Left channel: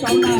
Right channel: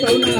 coração